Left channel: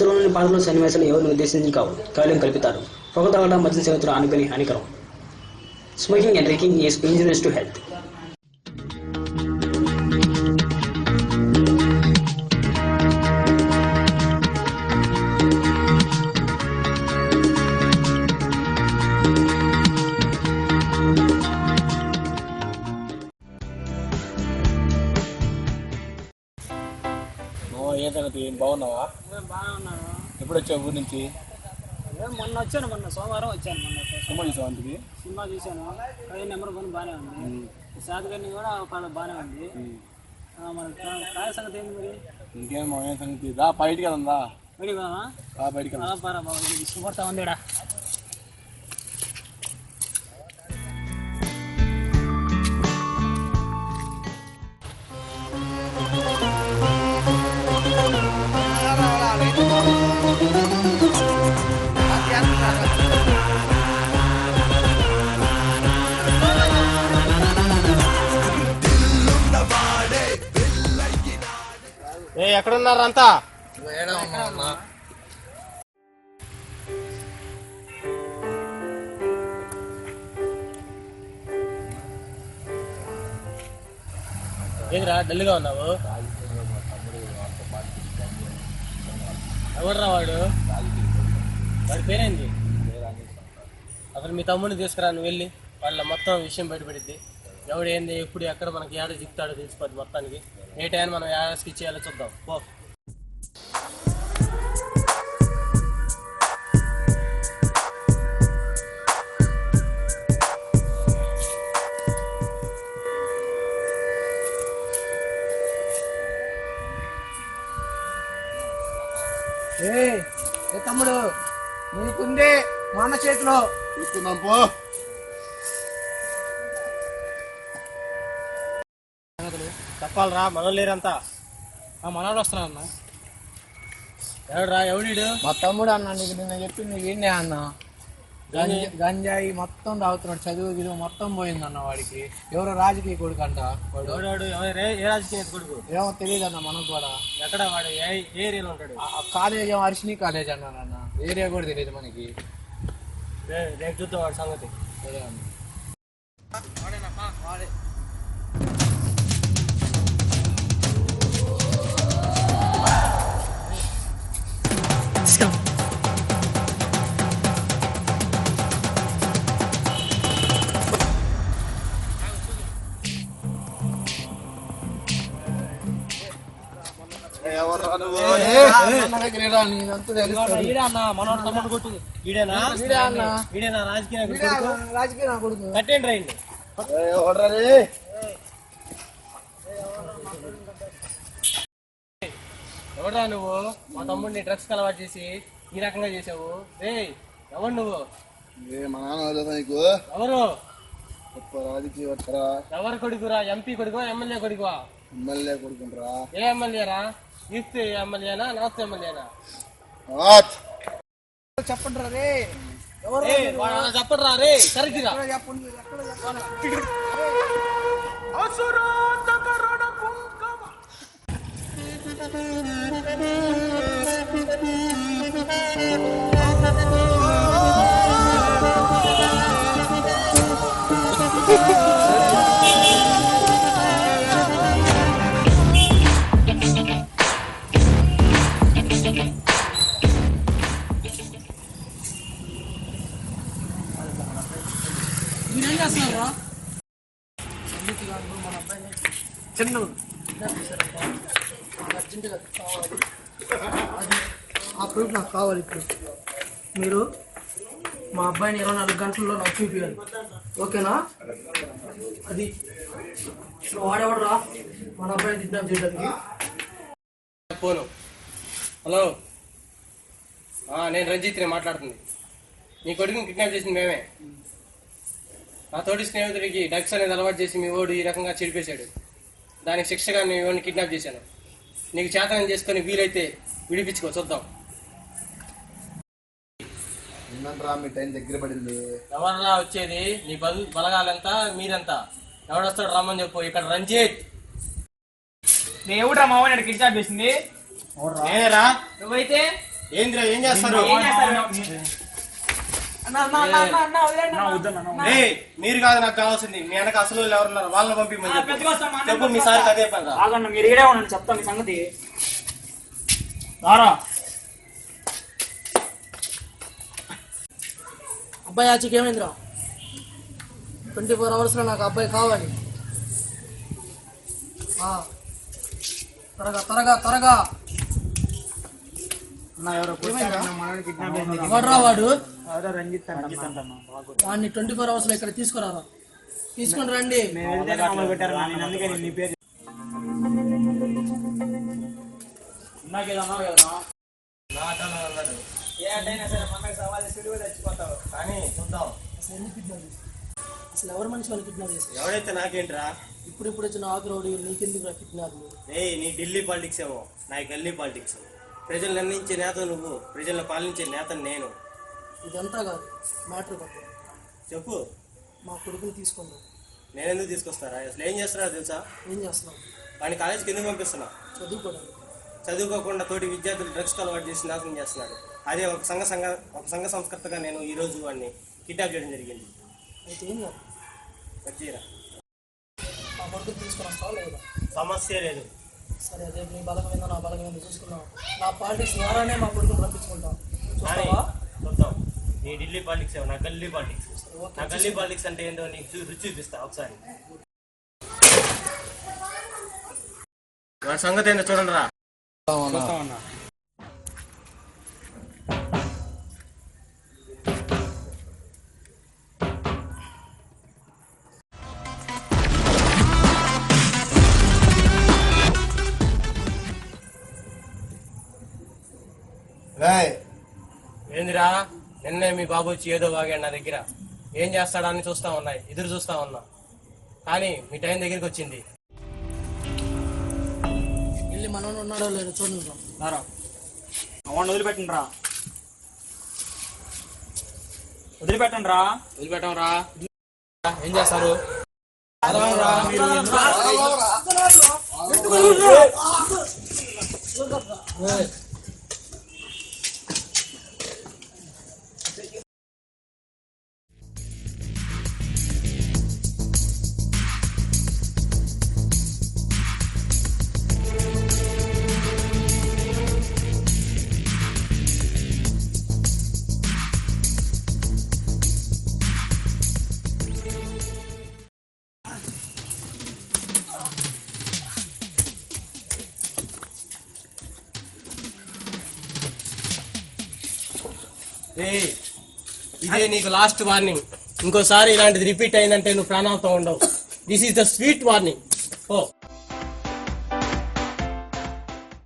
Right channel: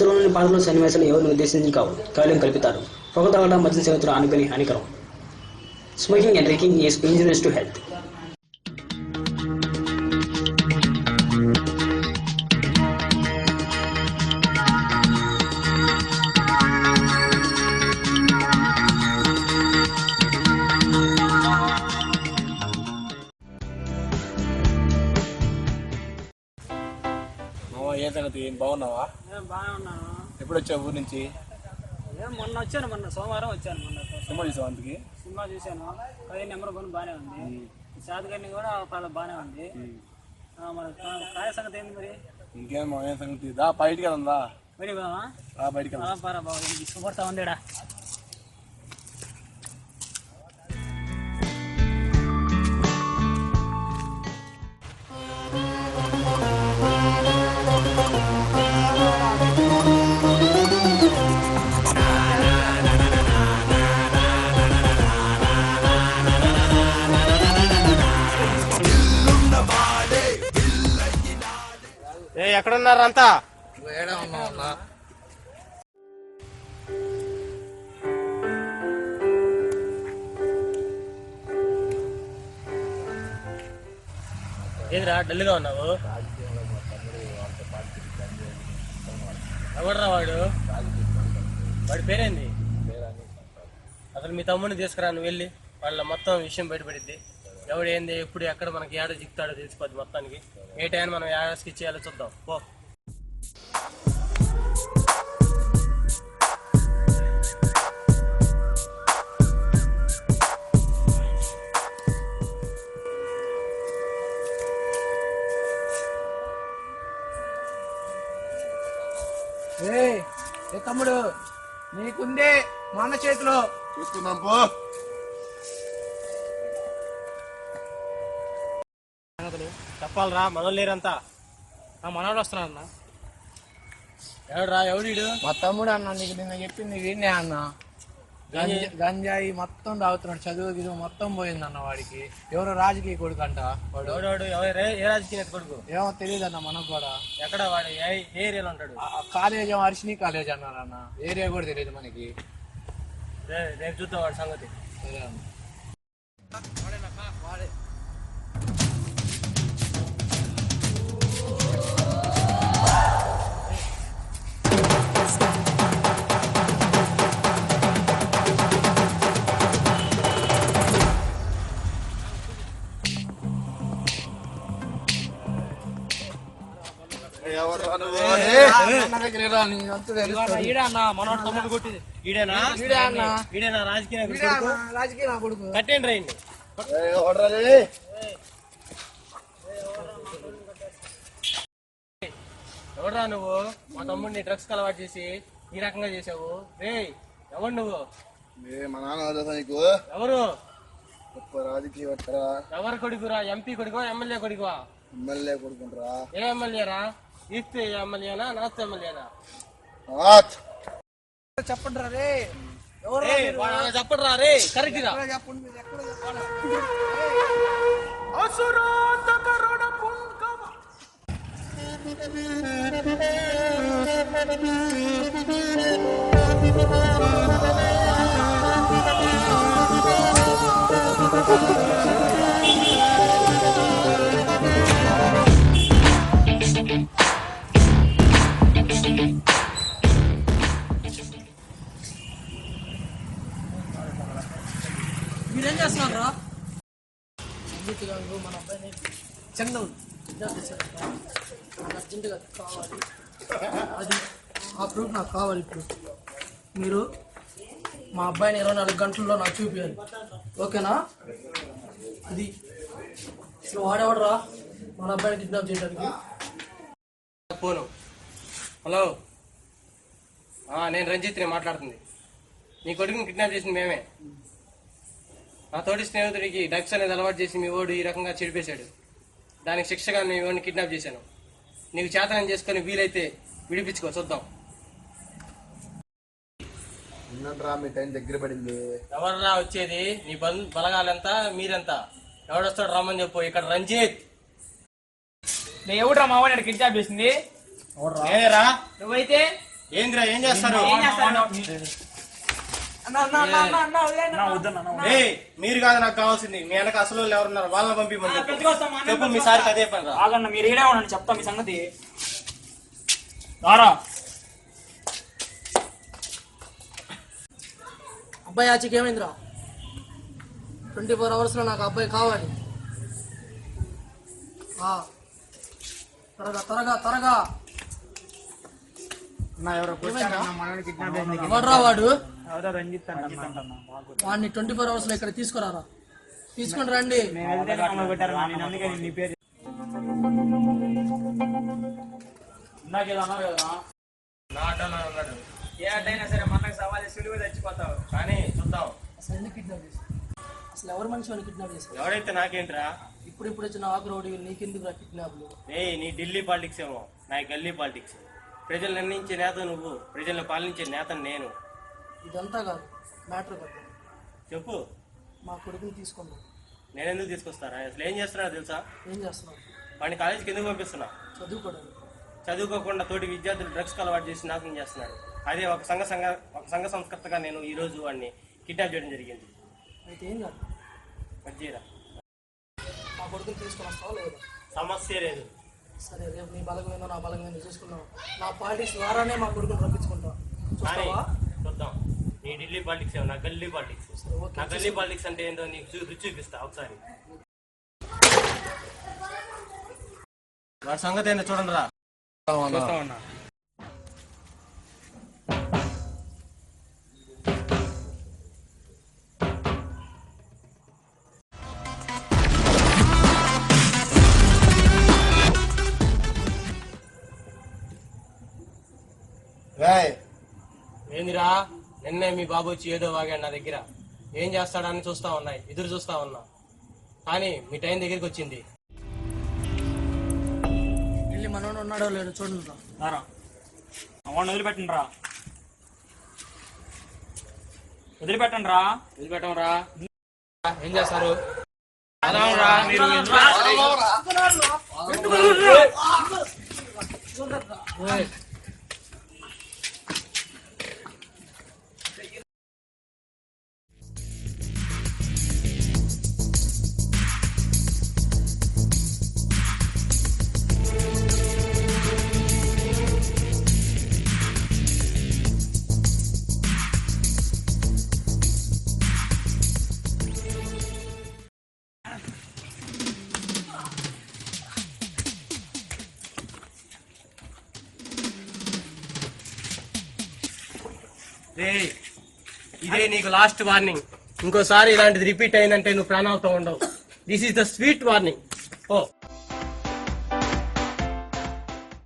చిత్రంలోని పాటలు సన్నివేశాలు ఎవరిని ఉద్దేశించి కావు, కేవలం కల్పితారు. పొగ తాగడం మద్యం సేవించడం అనుకుని హానికరం. Smoking and drinking is injurious to health. మొన్న వచ్చాను, సోమవారం వచ్చాను. సినిమా చూసాను. ట్రైన్ నెంబర్ 1 బాగానే ఉంది. శాతగన్ని కూడా బాగానే ఉంది. కాయ సంగతి ఏంటి మరి? బయటికి వెళ్దా? బయటికి వెళ్దామా? బాగా ఉందిడా. ఎక్కడున్నారంతా? ఏంద్రా డల్గా ఉన్నావు? చూడరా వాడు పేరేంది? అసలు మీ తమ్ముడిని తీసుకురా, నువ్వు వెళ్ళి వాళ్ళ మొత్తం విషయం బయటపడిద్ది. ఎవడు ఏంది, ఎప్పుడు ఎక్కడ మనకి ఏడ దిగుతాడో తెలిసిపోద్ది మొత్తానికి. ఏ టైం మనం ఏడాదికి ఇచ్చేయాలో చూద్దాం. పో. తమ్ముడు నీకుందే మన చేతిలో చూస్తున్నాం. పో. చెప్పాలరా, మనోళ్ళు లేరంతా. మనోళ్ళు వస్తున్నా. ఎవడురా? ఎవడు? మా తమ్ముడు అన్న. నీకు నిన్న చెప్పింది విన్నే అన్న. గంజాయి మొత్తం తాగుతున్నాడు. చదువు గిదువు మొత్తం పోయిందన్న వాడికి. ఎవరో రాజకీయ కొడుకు అంట వాడు. ఎవరే? ఏ రాజకీయ కొడుకు? ఏమో తెలియదు అన్న. మనం కూడా ఎక్కడ వాడు? ఏ ఏరియాలో ఉంటాడు? కాలేజ్ ఏమో అర్షిని కాలేజ్ అన్నారన్న. ఏరియా కూడా తెలియదు మనకి. రేపు చూద్దాం వాడి సంగతి. మనోడు తమ్ముడు కొట్టి రాజకీయ కొడుకు. ఎవరా నువ్వు? మా తమ్ముడిని డ్రగ్స్ అలవాటు చేసి ఈ రకంగా చేసావు. ఎవరు నువ్వు? ఎవరు? ఎవరు కొడుకురా? ఎంపీ కొడుకు, ఎమ్మెల్యే కొడుకువా? ఏ ఎమ్మెల్యేరా? ఈస్తే ఎమ్మెల్యేనా, నార్త్ ఎమ్మెల్యేనా? చెప్పండి చెప్పరా రే, కరెక్ట్ రా. మీరేం చేస్తున్నారా? మన అబ్బాయిని చిన్న చేశారంట. మాకు అర్జెంటుగా కావాలి. అది ఆ ప్రూఫ్ నాకు కావాలి. మీరు మా అబ్బాయిని 24 గంటల్లో నాకు చూపించాలి. ఓకేనా? అది వాడేవాడరా మన అబ్బాయిని కిడ్నాప్ చేయడానికి? హలో, నేను రంజిత్ని మాట్లాడుతుంది. నీ కొడుకుని కిడ్నాప్ చేసింది మేమే. నా తోటి స్నేహితుడికి డ్రగ్స్ అనేది అలవాటు చేసి మీ ఓడు ఈ రకంగా చెడిపేశాడు. దానికి శిక్షగా నేను ఇవన్నీ కిడ్నాప్ చేశాను. నీకు చేతనం చేసుకుని వీలైతే విడిపించుకో, చూద్దాం. ఎవర్రా వచ్చేది? నీ బలగాలెంత, మీరెంత? ఎవడొస్తాడు రమ్మని చెప్పు. ఇక్కడ రంజిత్. నీ ఎవడురా మావాడు కిడ్నాప్ చేసింది? ఏరా? నువ్వైతే ఏందిరా ఏం చేస్తారు? ఏయ్, మీరు కాదు నాకు కావాల్సింది. మీ వెనక అసలు ఎవరున్నారు వాళ్ళని పంపించమని చెప్పు. మీ సార్కి అదే పని. ఆగన్న మీరు ఈడే ఉండండి, చెప్తా మీ సంగతి. రారా. అబ్బాయి ఆచికి ఏమైందిరా? 24 hours లో నాకు అబ్బాయి కావాలి. త్వరగా త్వరగా త్వరగా. ఎవడరా వాడు? వాడిని 24 hours లో ఇక్కడ తీసుకురావా? తీసుకుని రండి. కానీ చూద్దాం. అసలు ఎవరు మనిషి వాళ్ళు కిడ్నాప్ చేశారు? ఎవడైతే నాకేంట్రా? ఇప్పుడు వచ్చిన ఆగ్రౌడి నీకెందుకు నా కిడ్నాప్? నీ ఢిల్లీ పాలిటిక్స్ ఏమో, నా గల్లీ పాలిటిక్స్. ప్రజలు నిర్ణయించే నేత నువ్వు, ప్రజలను పాలించే నేత నేను. ఇదంతా కాదు, మ్యాటర్ కాదు. చెప్పు. మా కొడుకుని తీసుకోండి. నేనెందుకు తీసుకొస్తారా? అసలు ఏం చేస్తున్నారో తెలుసా? ఏం చేస్తున్నావు? వాడిని కాలేజీకి ఎందుకు పంపిస్తున్నా? చదువుకోకుండా తోటి విద్యార్థులు డ్రగ్స్కి అలవాటు చేసి నాశనం చేస్తున్నాడు. అదే ఒక సంఘ సంస్కర్తగా నేను ఈ రోజు వాడిని కిడ్నాప్ చేయడం జరిగింది. అయితే ఏం కాదు, వచ్చేరా. మా కొడుకుని తీసుకొని వస్తావా లేదా? సమస్య లేదు. సరే, అదే నీ బలగం ఏందో నా బలగం ఏందో చూసుకున్నాం. నా పాలిటిక్స్ ద్వారానే మా కొడుకుని రప్పించుకుంటాం. కానీ చూద్దాం. నీ ఢిల్లీ పాలిటిక్స్ ఏమో, నా గల్లీ పాలిటిక్స్. నా గల్లీ పాలిటిక్స్ అంటే ఏంటో నీకు రుచి చూపిస్తా ఒకసారి. వాడి సంగతి ఏంటో చూడండి రా. చూస్తామన్నా. ఏందిరా, నిన్నే మీ బాబు వచ్చి ఏదో వాగాడు నా దగ్గర. ఏం చేస్తాడా అని చూస్తా ఉన్నాయి, ఎదురు చూస్తా ఉన్నా. కానీ మీ టైం దగ్గరికి వచ్చింది. వెళ్ళి మనోడు ఉన్నాడో లేదో చూడండి. రారా. అవన్నీ వదిలిపెట్టండి రా. వదిలిపెట్టండి రా. వదిలిపెట్టం రా. ఏం చేస్తారు? మీరు ఇదే నీకు లాస్ట్ వార్నింగ్. ఇంకోసారి ఇలాంటిది రిపీట్ అయిందంటే నువ్వు ప్రాణాలతో ఉండవు. This is the sweet warning. Oh